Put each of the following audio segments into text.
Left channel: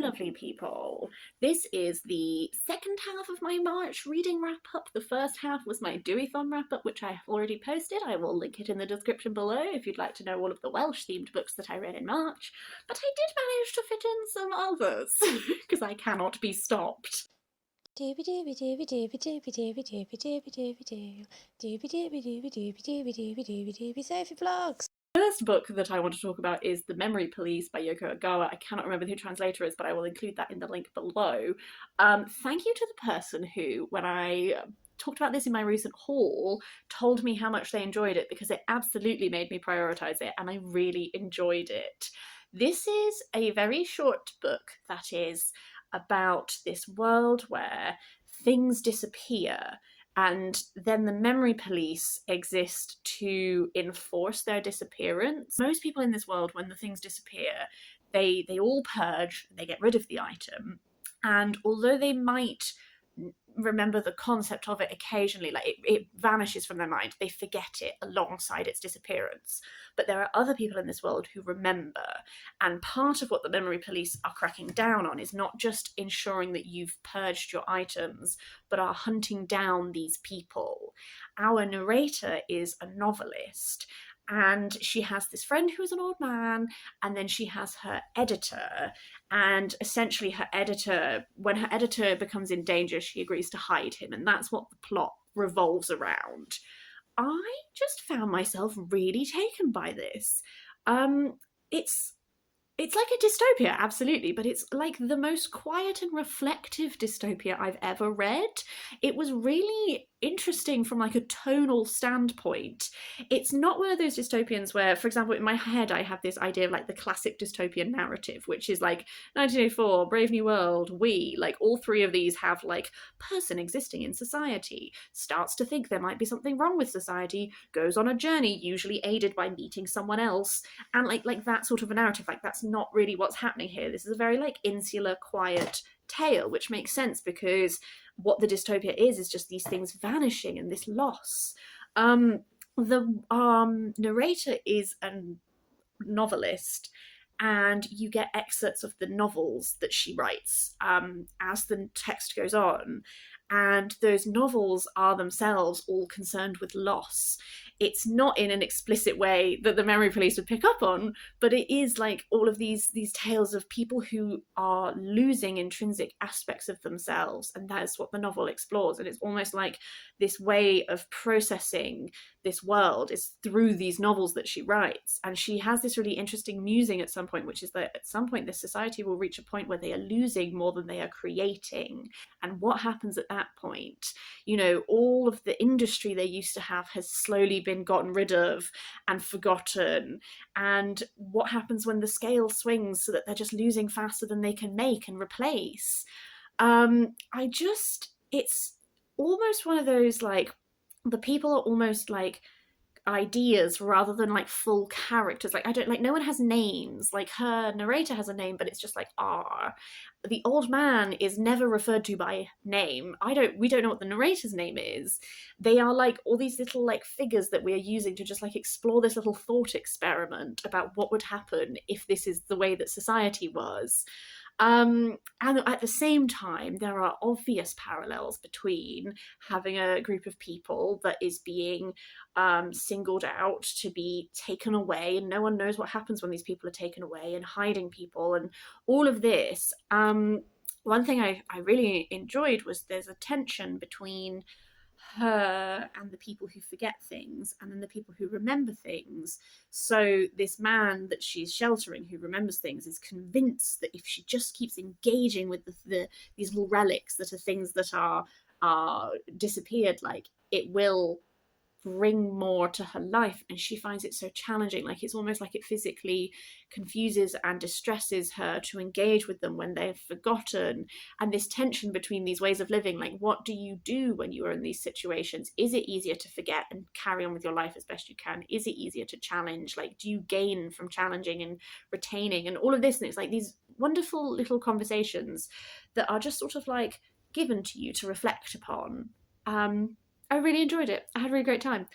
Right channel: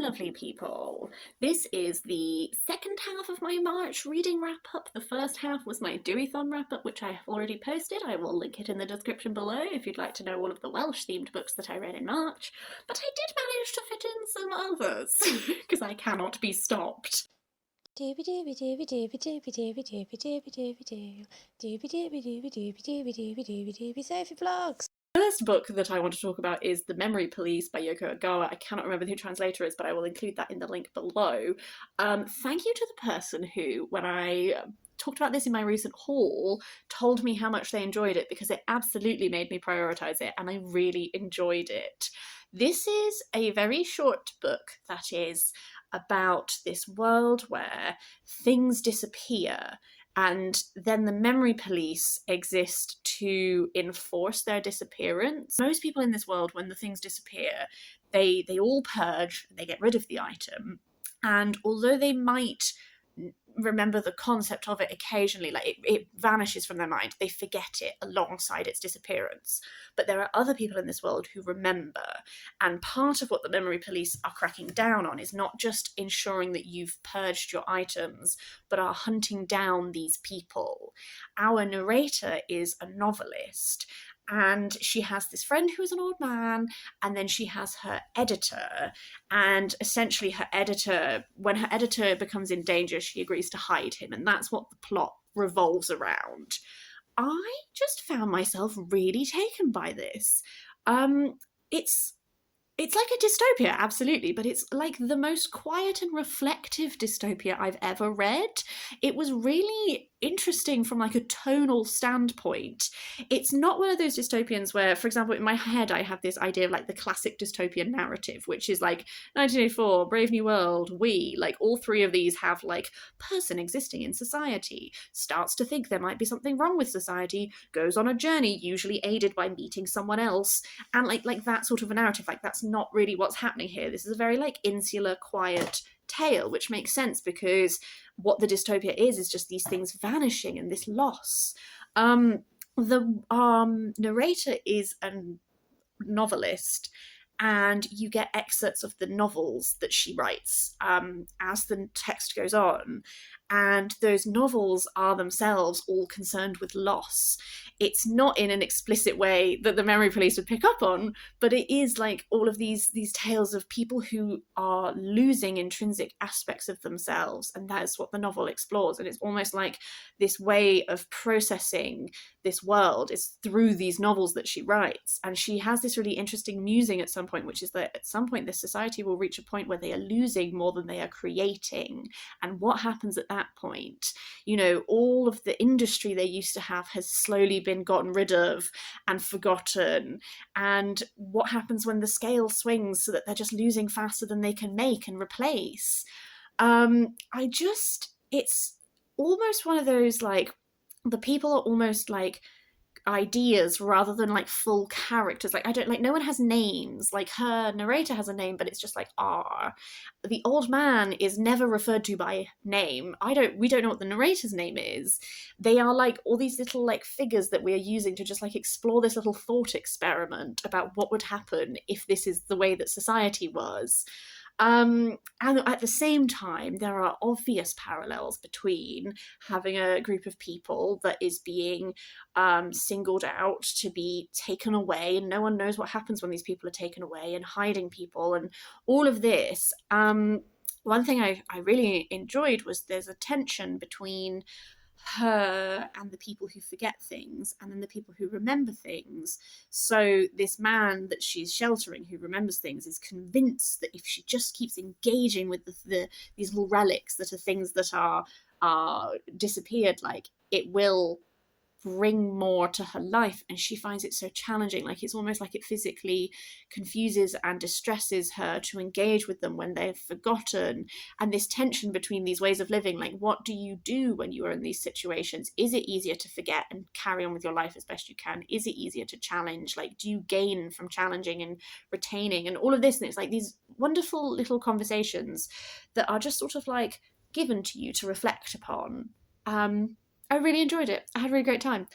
lovely people. This is the second half of my March reading wrap-up. The first half was my Deweython wrap-up, which I have already posted. I will link it in the description below if you'd like to know all of the Welsh-themed books that I read in March. But I did manage to fit in some others, because I cannot be stopped. Doobie doobie doobie doobie doobie doobie doobie doobie doobie doo. Doobie doobie doobie doobie doobie doobie doobie doobie Sophie Vlogs. First book that I want to talk about is The Memory Police by Yoko Ogawa. I cannot remember who the translator is, but I will include that in the link below. Thank you to the person who, when I talked about this in my recent haul, told me how much they enjoyed it, because it absolutely made me prioritise it, and I really enjoyed it. This is a very short book that is about this world where things disappear, and then the memory police exist to enforce their disappearance. Most people in this world, when the things disappear, they all purge, they get rid of the item, and although they might remember the concept of it occasionally, like it vanishes from their mind, they forget it alongside its disappearance. But there are other people in this world who remember, and part of what the memory police are cracking down on is not just ensuring that you've purged your items, but are hunting down these people. Our narrator is a novelist, and she has this friend who is an old man, and then she has her editor, and essentially her editor, when her editor becomes in danger, she agrees to hide him, and that's what the plot revolves around. I just found myself really taken by this. It's like a dystopia, absolutely, but it's like the most quiet and reflective dystopia I've ever read. It was really interesting from like a tonal standpoint. It's not one of those dystopians where, for example, in my head I have this idea of like the classic dystopian narrative, which is like 1984, Brave New World, We, like all three of these have like person existing in society, starts to think there might be something wrong with society, goes on a journey, usually aided by meeting someone else, and like that sort of a narrative. Like that's not really what's happening here. This is a very like insular, quiet tale, which makes sense because what the dystopia is just these things vanishing and this loss. The narrator is a novelist, and you get excerpts of the novels that she writes as the text goes on. And those novels are themselves all concerned with loss. It's not in an explicit way that the memory police would pick up on, but it is like all of these tales of people who are losing intrinsic aspects of themselves, and that's what the novel explores. And it's almost like this way of processing this world is through these novels that she writes. And she has this really interesting musing at some point, which is that at some point this society will reach a point where they are losing more than they are creating. And what happens at that point? You know, all of the industry they used to have has slowly been gotten rid of and forgotten. And what happens when the scale swings so that they're just losing faster than they can make and replace? It's almost one of those, like, the people are almost like ideas rather than like full characters. Like, I don't like, no one has names. Like, her narrator has a name, but it's just like R. The old man is never referred to by name. We don't know what the narrator's name is. They are like all these little like figures that we are using to just like explore this little thought experiment about what would happen if this is the way that society was. And at the same time, there are obvious parallels between having a group of people that is being singled out to be taken away, and no one knows what happens when these people are taken away, and hiding people, and all of this. One thing I really enjoyed was there's a tension between her and the people who forget things, and then the people who remember things. So this man that she's sheltering, who remembers things, is convinced that if she just keeps engaging with these little relics that are things that are disappeared, like, it will bring more to her life. And she finds it so challenging. Like, it's almost like it physically confuses and distresses her to engage with them when they've forgotten. And this tension between these ways of living, like, what do you do when you are in these situations? Is it easier to forget and carry on with your life as best you can? Is it easier to challenge? Like, do you gain from challenging and retaining and all of this? And it's like these wonderful little conversations that are just sort of like given to you to reflect upon. I really enjoyed it. I had a really great time.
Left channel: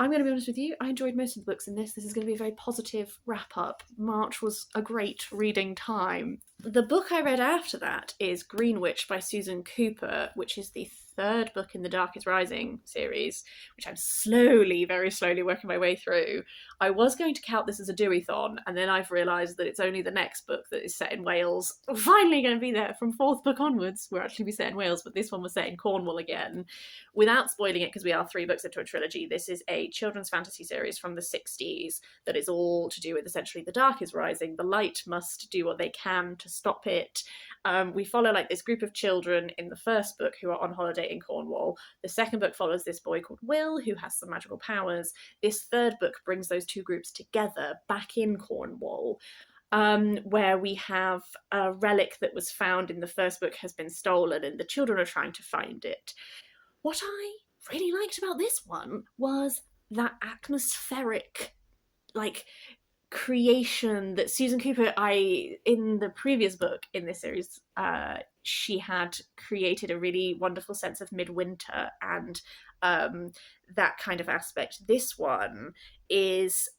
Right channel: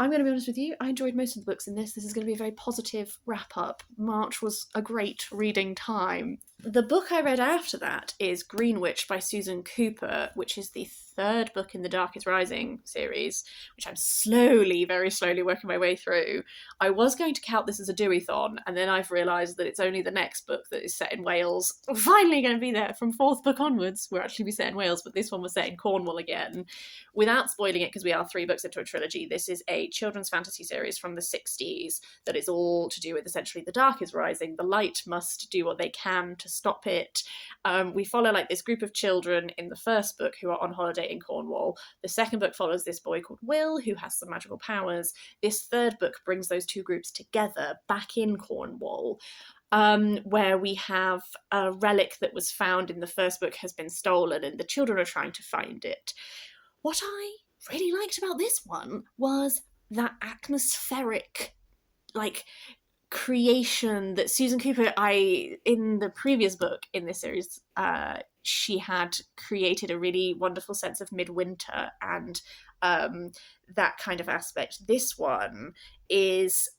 I'm going to be honest with you, I enjoyed most of the books in this. This is going to be a very positive wrap-up. March was a great reading time. The book I read after that is Greenwich by Susan Cooper, which is the third book in the Dark is Rising series, which I'm slowly, very slowly working my way through. I was going to count this as a do-a-thon, and then I've realised that it's only the next book that is set in Wales. We're finally going to be there from fourth book onwards. We're actually be set in Wales, but this one was set in Cornwall again. Without spoiling it, because we are 3 books into a trilogy, this is a children's fantasy series from the 60s that is all to do with essentially the Dark is Rising. The light must do what they can to stop it. We follow like this group of children in the first book who are on holiday in Cornwall. The second book follows this boy called Will who has some magical powers. This third book brings those two groups together back in Cornwall. Where we have a relic that was found in the first book has been stolen and the children are trying to find it. What I really liked about this one was that atmospheric, like, creation that Susan Cooper, in the previous book in this series, she had created a really wonderful sense of midwinter and that kind of aspect. This one is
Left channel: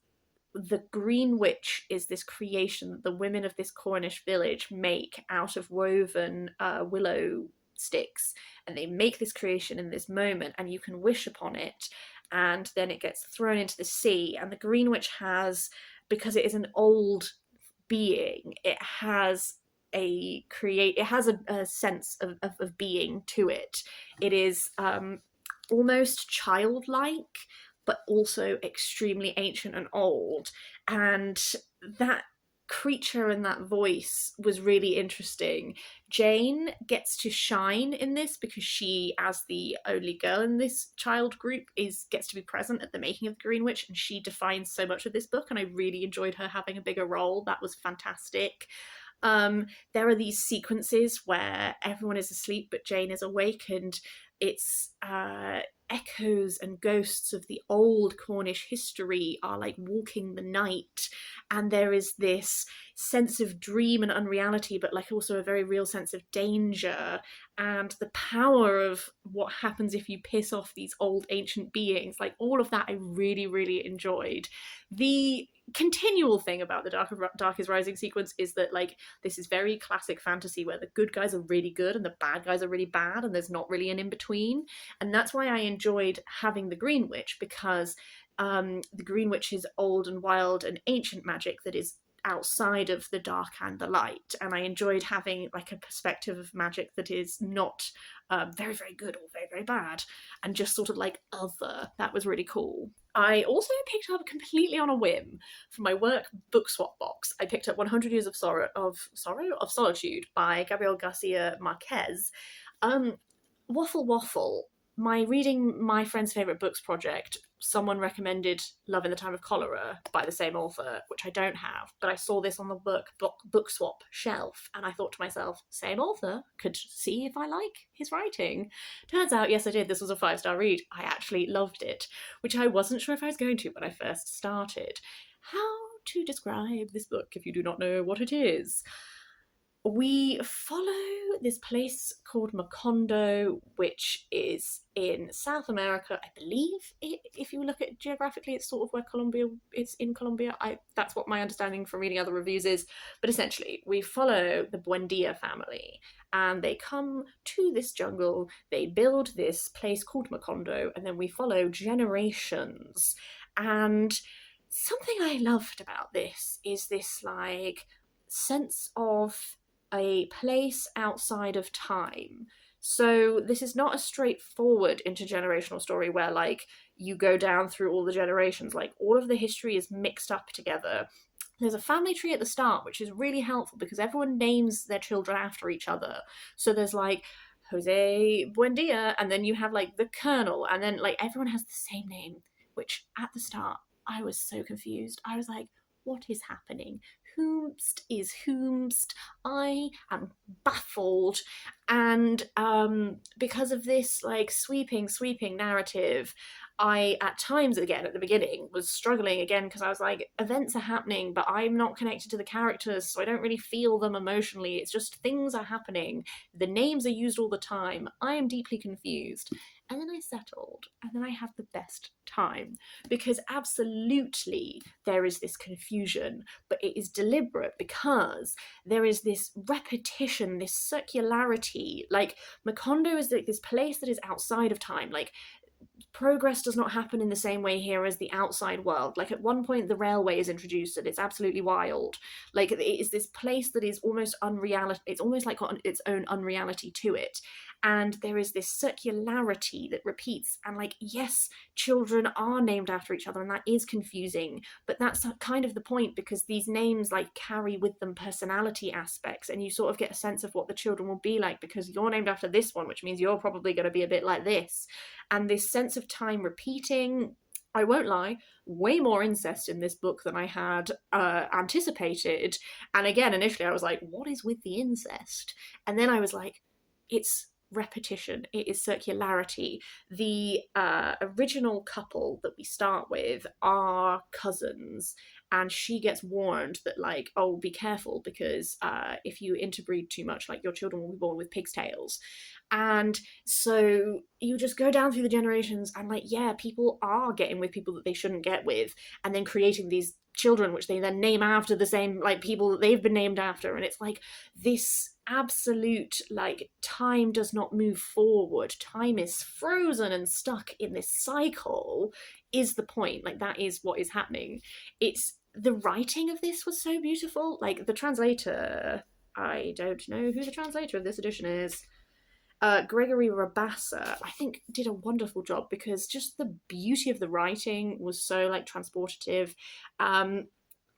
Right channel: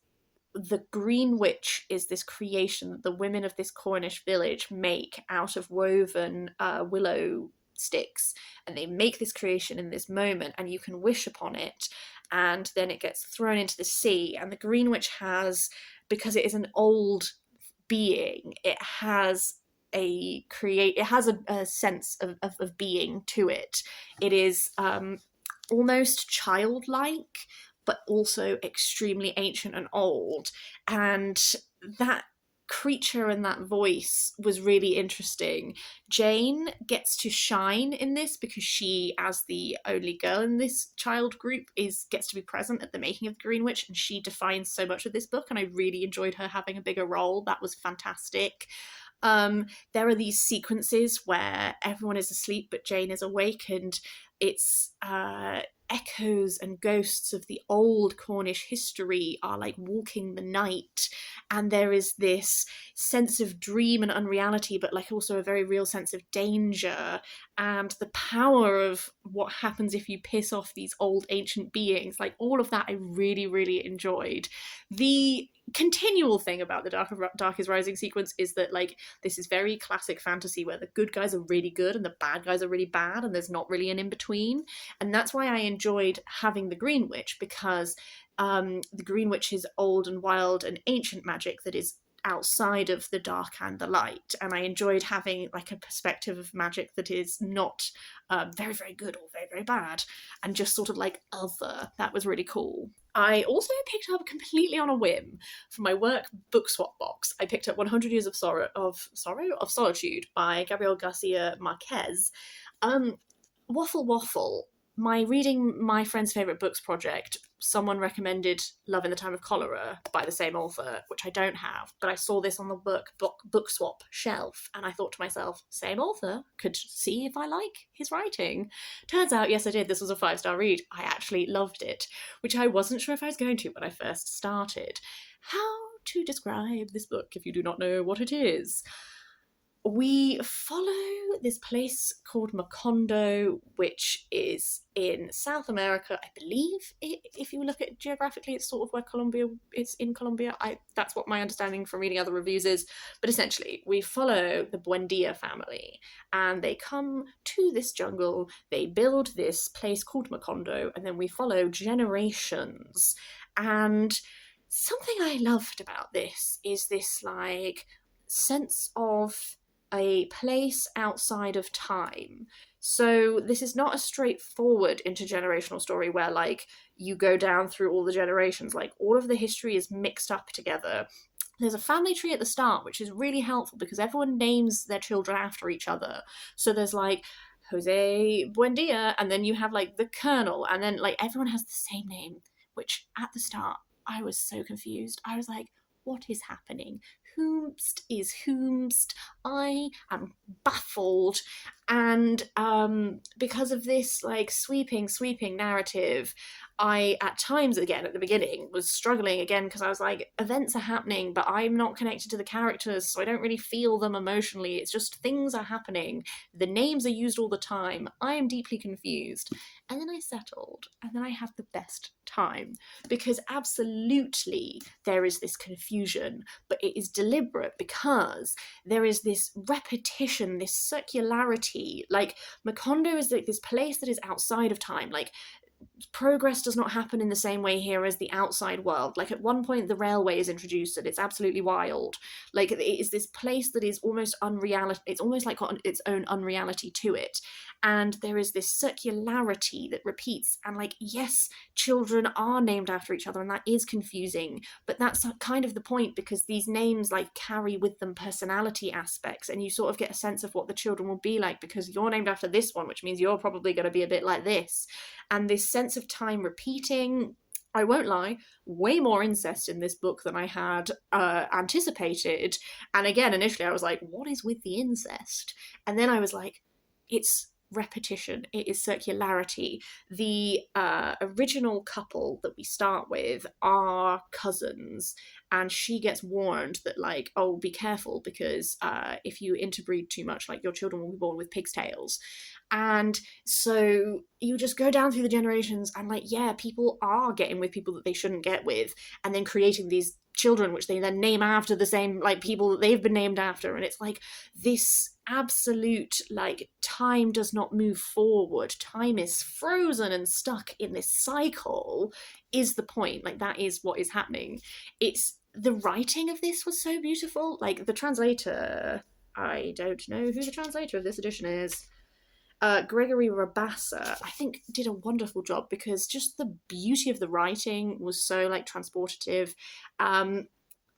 the Greenwitch is this creation that the women of this Cornish village make out of woven willow sticks, and they make this creation in this moment, and you can wish upon it, and then it gets thrown into the sea. And the Greenwich has, because it is an old being, it has a sense of being to it. It is almost childlike, but also extremely ancient and old. And that creature and that voice was really interesting. Jane gets to shine in this because she, as the only girl in this child group, gets to be present at the making of the Greenwich, and she defines so much of this book, and I really enjoyed her having a bigger role. That was fantastic. There are these sequences where everyone is asleep but Jane is awake, and it's echoes and ghosts of the old Cornish history are like walking the night, and there is this sense of dream and unreality, but like also a very real sense of danger and the power of what happens if you piss off these old ancient beings. Like all of that I really, really enjoyed. The continual thing about the Dark is Rising sequence is that like this is very classic fantasy where the good guys are really good and the bad guys are really bad, and there's not really an in-between. And that's why I enjoyed having the Greenwich, because the Greenwich is old and wild and ancient magic that is outside of the dark and the light, and I enjoyed having like a perspective of magic that is not very, very good or very, very bad, and just sort of like other. That was really cool. I also picked up completely on a whim for my work book swap box. I picked up 100 Years of Solitude by Gabriel Garcia Marquez. Waffle. My reading my friend's favourite books project, someone recommended Love in the Time of Cholera by the same author, which I don't have, but I saw this on the book swap shelf, and I thought to myself, same author, could see if I like his writing. Turns out, yes, I did. This was a 5-star read. I actually loved it, which I wasn't sure if I was going to when I first started. How to describe this book if you do not know what it is? We follow this place called Macondo, which is in South America, I believe. If you look at it geographically, it's sort of where Colombia is in Colombia. That's what my understanding from reading other reviews is. But essentially, we follow the Buendia family, and they come to this jungle. They build this place called Macondo, and then we follow generations. And something I loved about this is this like sense of a place outside of time. So this is not a straightforward intergenerational story where like you go down through all the generations. Like all of the history is mixed up together. There's a family tree at the start, which is really helpful because everyone names their children after each other. So there's like Jose Buendia, and then you have like the Colonel, and then like everyone has the same name, which at the start I was so confused. I was like, what is happening? Whomst is whomst? I am baffled. And because of this like sweeping narrative, I, at times, again, at the beginning, was struggling again because I was like, events are happening, but I'm not connected to the characters, so I don't really feel them emotionally. It's just things are happening. The names are used all the time. I am deeply confused. And then I settled, and then I had the best time because absolutely there is this confusion, but it is deliberate because there is this repetition, this circularity. Like, Macondo is like this place that is outside of time. Like, progress does not happen in the same way here as the outside world. Like, at one point the railway is introduced and it's absolutely wild. Like, it is this place that is almost unreality. It's almost like got its own unreality to it, and there is this circularity that repeats. And like, yes, children are named after each other, and that is confusing, but that's kind of the point, because these names like carry with them personality aspects, and you sort of get a sense of what the children will be like because you're named after this one, which means you're probably going to be a bit like this. And this sense of time repeating. I won't lie, way more incest in this book than I had anticipated. And again, initially I was like, what is with the incest? And then I was like, it's repetition, it is circularity. The original couple that we start with are cousins, and she gets warned that, like, oh, be careful, because if you interbreed too much, like, your children will be born with pig's tails. And so you just go down through the generations, and like, yeah, people are getting with people that they shouldn't get with, and then creating these children which they then name after the same like people that they've been named after. And it's like this absolute, like, time does not move forward, time is frozen and stuck in this cycle, is the point. Like, that is what is happening. It's the writing of this was so beautiful. Like, the translator, I don't know who the translator of this edition is. Gregory Rabassa, I think, did a wonderful job, because just the beauty of the writing was so, like, transportative.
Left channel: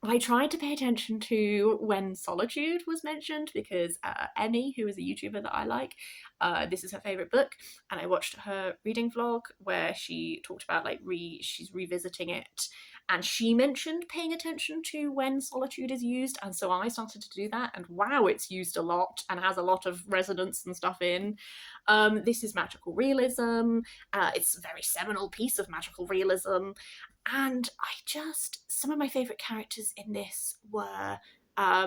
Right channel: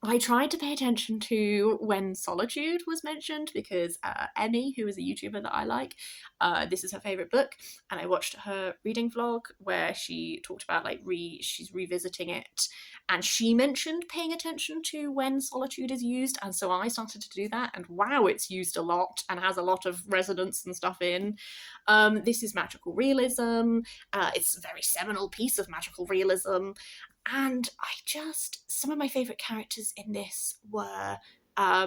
I tried to pay attention to when Solitude was mentioned, because Emmy, who is a YouTuber that I like, this is her favourite book, and I watched her reading vlog where she talked about, like, she's revisiting it, and she mentioned paying attention to when Solitude is used, and so I started to do that, and wow, it's used a lot and has a lot of resonance and stuff in. This is magical realism. It's a very seminal piece of magical realism. And some of my favourite characters in this were, I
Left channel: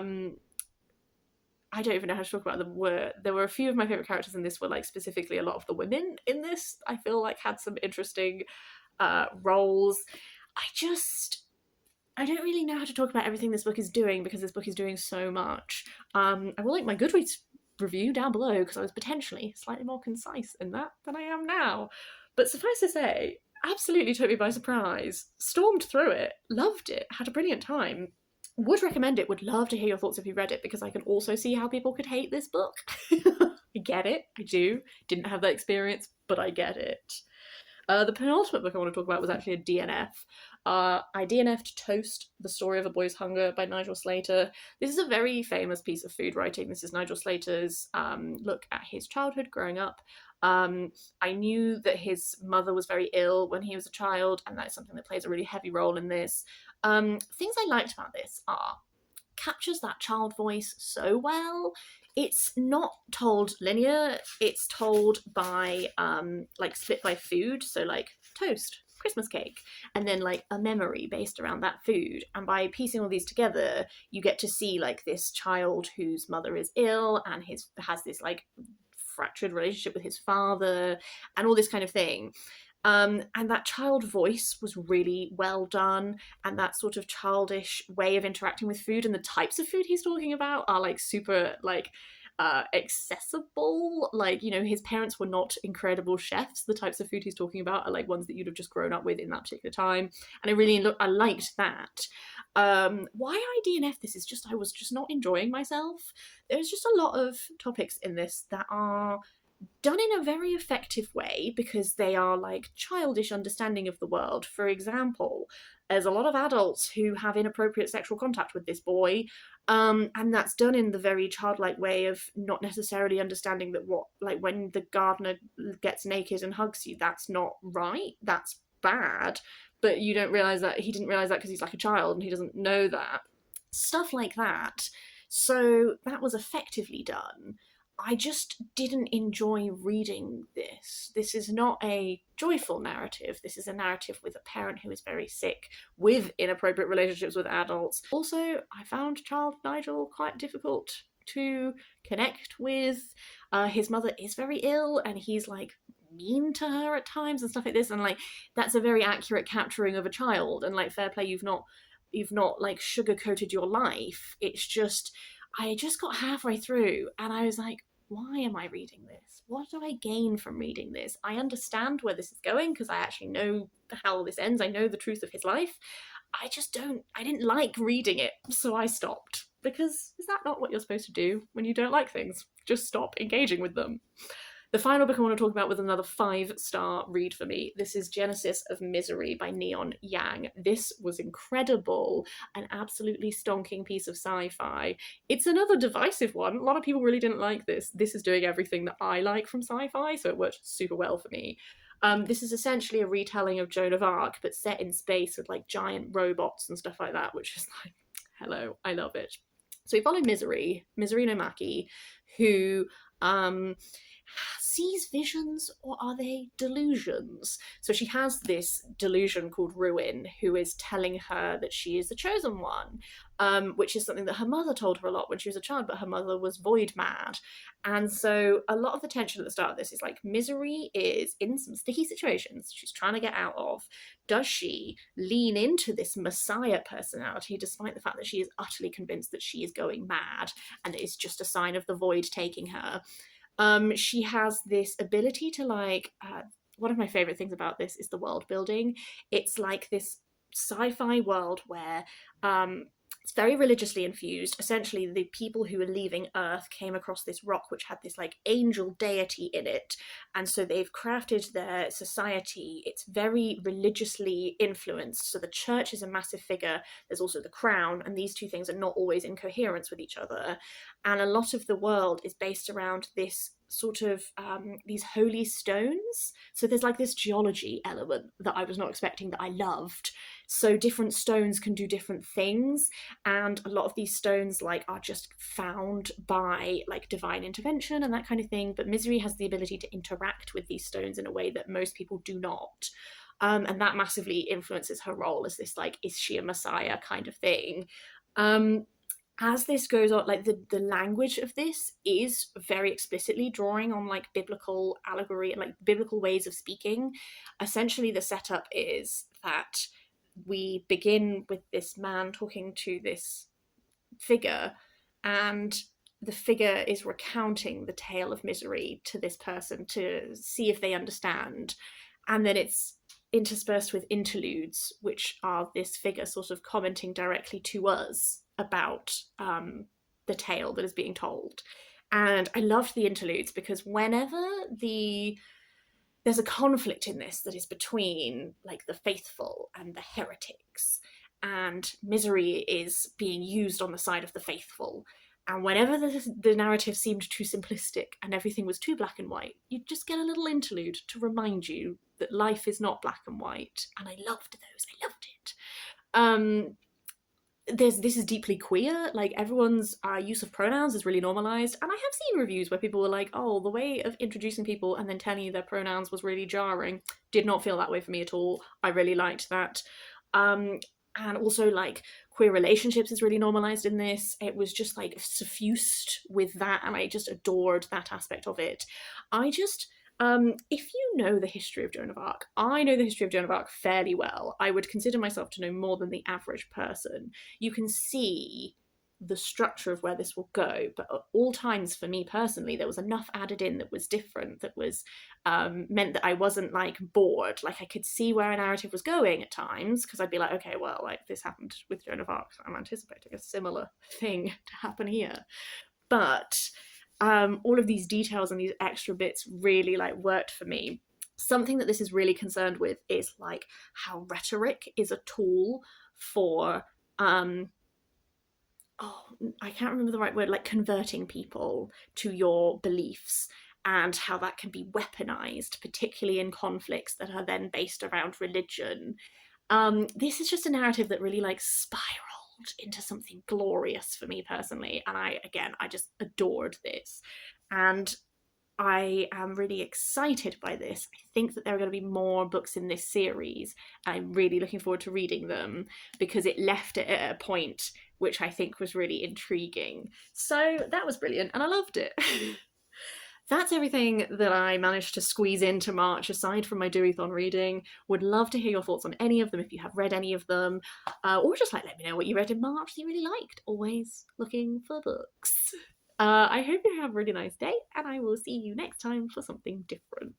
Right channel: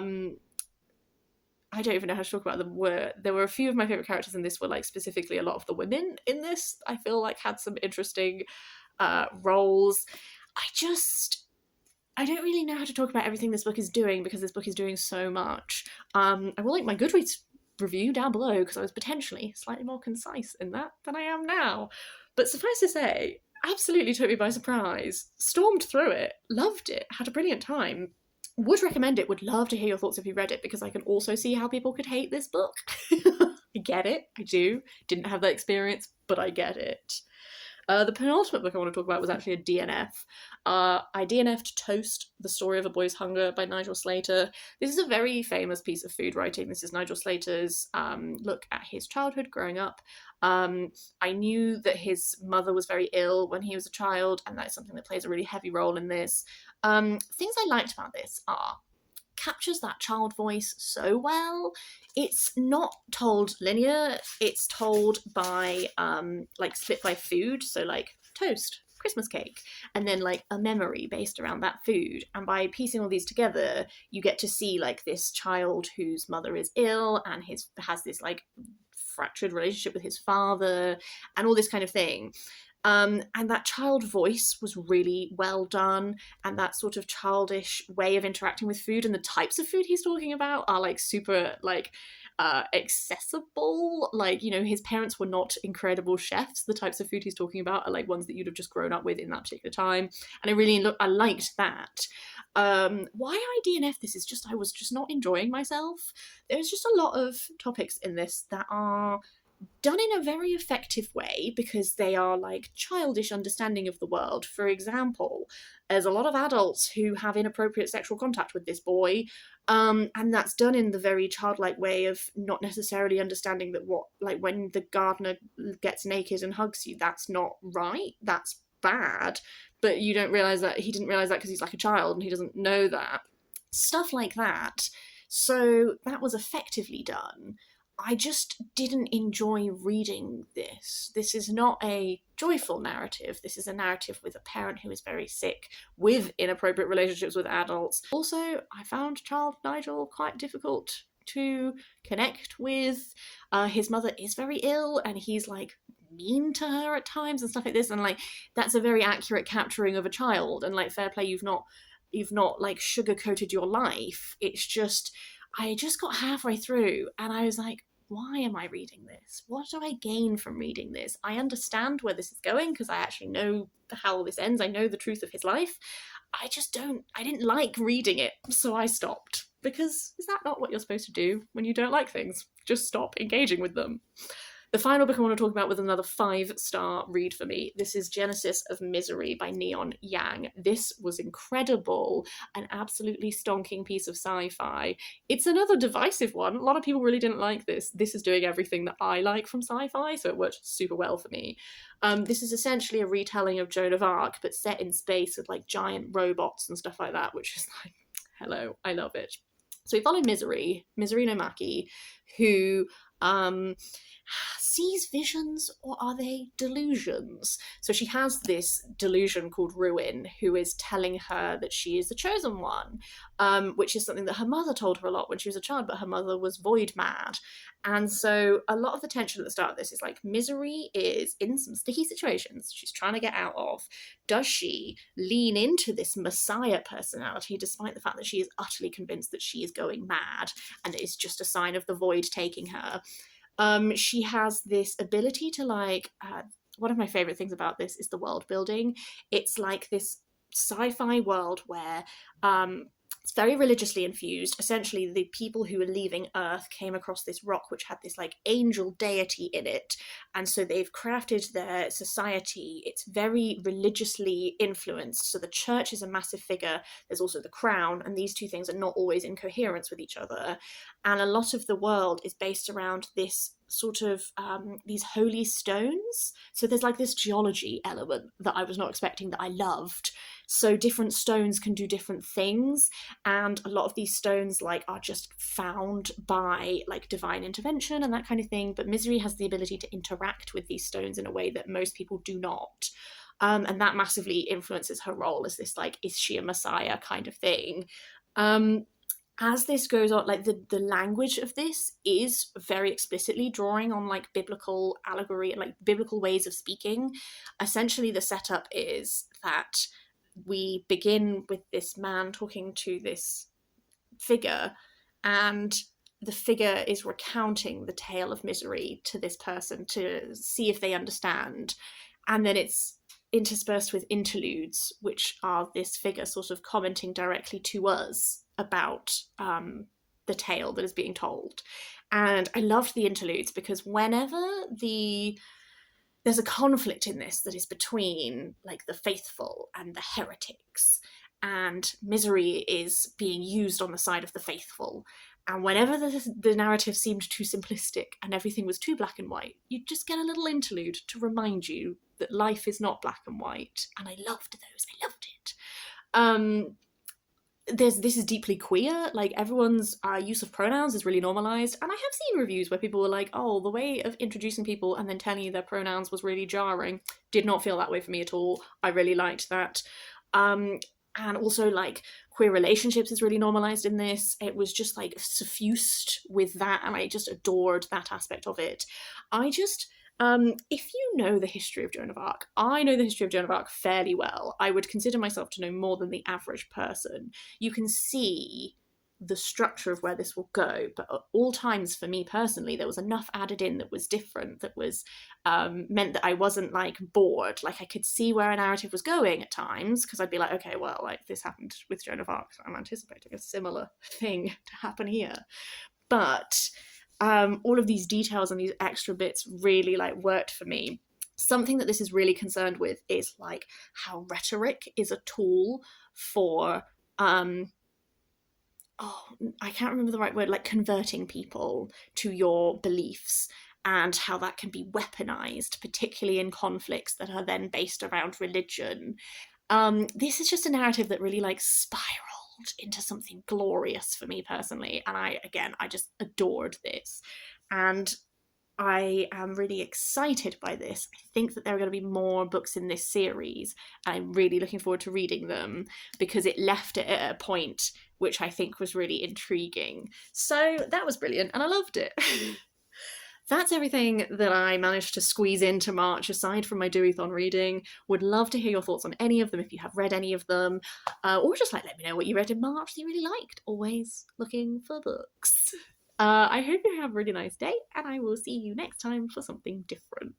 don't even know how to talk about them. There were a few of my favourite characters in this were, like, specifically a lot of the women in this, I feel like, had some interesting roles. I don't really know how to talk about everything this book is doing, because this book is doing so much. I will link my Goodreads review down below, because I was potentially slightly more concise in that than I am now. But suffice to say, absolutely took me by surprise. Stormed through it, loved it, had a brilliant time. Would recommend it, would love to hear your thoughts if you read it, because I can also see how people could hate this book. I get it, I do. Didn't have that experience, but I get it. The penultimate book I want to talk about was actually a DNF. I DNF'd Toast, The Story of a Boy's Hunger by Nigel Slater. This is a very famous piece of food writing. This is Nigel Slater's look at his childhood growing up. I knew that his mother was very ill when he was a child, and that's something that plays a really heavy role in this. Things I liked about this are, captures that child voice so well. It's not told linear, it's told by like, split by food, so like toast, Christmas cake, and then like a memory based around that food. And by piecing all these together, you get to see, like, this child whose mother is ill and has this, like, fractured relationship with his father and all this kind of thing. And that child voice was really well done, and that sort of childish way of interacting with food, and the types of food he's talking about are, like, super, like, accessible. Like, you know, his parents were not incredible chefs. The types of food he's talking about are, like, ones that you'd have just grown up with in that particular time, and I liked that. Why I DNF this is just, I was just not enjoying myself. There's just a lot of topics in this that are done in a very effective way, because they are, like, childish understanding of the world. For example, there's a lot of adults who have inappropriate sexual contact with this boy, and that's done in the very childlike way of not necessarily understanding that, what, like, when the gardener gets naked and hugs you, that's not right, that's bad, but you don't realise that he didn't realise that because he's, like, a child and he doesn't know that. Stuff like that. So that was effectively done. I just didn't enjoy reading this. This is not a joyful narrative. This is a narrative with a parent who is very sick, with inappropriate relationships with adults. Also, I found child Nigel quite difficult to connect with. His mother is very ill, and he's like mean to her at times and stuff like this, and like that's a very accurate capturing of a child, and like fair play, you've not like sugar coated your life. It's just I just got halfway through and I was like, why am I reading this? What do I gain from reading this? I understand where this is going because I actually know how this ends. I know the truth of his life. I didn't like reading it, so I stopped. Because is that not what you're supposed to do when you don't like things? Just stop engaging with them. The final book I want to talk about was another 5-star read for me. This is Genesis of Misery by Neon Yang. This was incredible, an absolutely stonking piece of sci-fi. It's another divisive one. A lot of people really didn't like this. This is doing everything that I like from sci-fi, so it worked super well for me. This is essentially a retelling of Joan of Arc, but set in space with like giant robots and stuff like that, which is like, hello, I love it. So we follow Misery no Maki, who sees visions, or are they delusions? So she has this delusion called Ruin, who is telling her that she is the chosen one, which is something that her mother told her a lot when she was a child, but her mother was void mad. And so a lot of the tension at the start of this is like Misery is in some sticky situations she's trying to get out of. Does she lean into this messiah personality despite the fact that she is utterly convinced that she is going mad and it's just a sign of the void taking her? She has this ability to like, one of my favorite things about this is the world building. It's like this sci-fi world where it's very religiously infused. Essentially, the people who were leaving Earth came across this rock which had this like angel deity in it, and so they've crafted their society. It's very religiously influenced. So the church is a massive figure. There's also the crown, and these two things are not always in coherence with each other. And a lot of the world is based around this sort of these holy stones. So there's like this geology element that I was not expecting that I loved. So different stones can do different things, and a lot of these stones like are just found by like divine intervention and that kind of thing. But Misery has the ability to interact with these stones in a way that most people do not. And that massively influences her role as this like, is she a messiah kind of thing. As this goes on, like the language of this is very explicitly drawing on like biblical allegory and like biblical ways of speaking. Essentially, the setup is that we begin with this man talking to this figure, and the figure is recounting the tale of misery to this person to see if they understand. And then it's interspersed with interludes, which are this figure sort of commenting directly to us about the tale that is being told. And I loved the interludes because whenever there's a conflict in this that is between like the faithful and the heretics, and misery is being used on the side of the faithful. And whenever the narrative seemed too simplistic and everything was too black and white, you'd just get a little interlude to remind you that life is not black and white. And I loved those. I loved it. This is deeply queer. Like everyone's use of pronouns is really normalized, and I have seen reviews where people were like, "Oh, the way of introducing people and then telling you their pronouns was really jarring." Did not feel that way for me at all. I really liked that. And also like queer relationships is really normalized in this. It was just like suffused with that, and I just adored that aspect of it. If you know the history of Joan of Arc, I know the history of Joan of Arc fairly well. I would consider myself to know more than the average person. You can see the structure of where this will go, but at all times for me personally, there was enough added in that was different, that was meant that I wasn't like bored. Like I could see where a narrative was going at times, because I'd be like, okay, well, like this happened with Joan of Arc, so I'm anticipating a similar thing to happen here. But all of these details and these extra bits really like worked for me. Something that this is really concerned with is like how rhetoric is a tool for I can't remember the right word, like converting people to your beliefs, and how that can be weaponized, particularly in conflicts that are then based around religion. This is just a narrative that really like spiraled into something glorious for me personally, and I just adored this. And I am really excited by this. I think that there are going to be more books in this series. I'm really looking forward to reading them because it left it at a point which I think was really intriguing. So that was brilliant and I loved it. That's everything that I managed to squeeze into March aside from my Deweython reading. Would love to hear your thoughts on any of them if you have read any of them, or just like let me know what you read in March that you really liked. Always looking for books. I hope you have a really nice day, and I will see you next time for something different.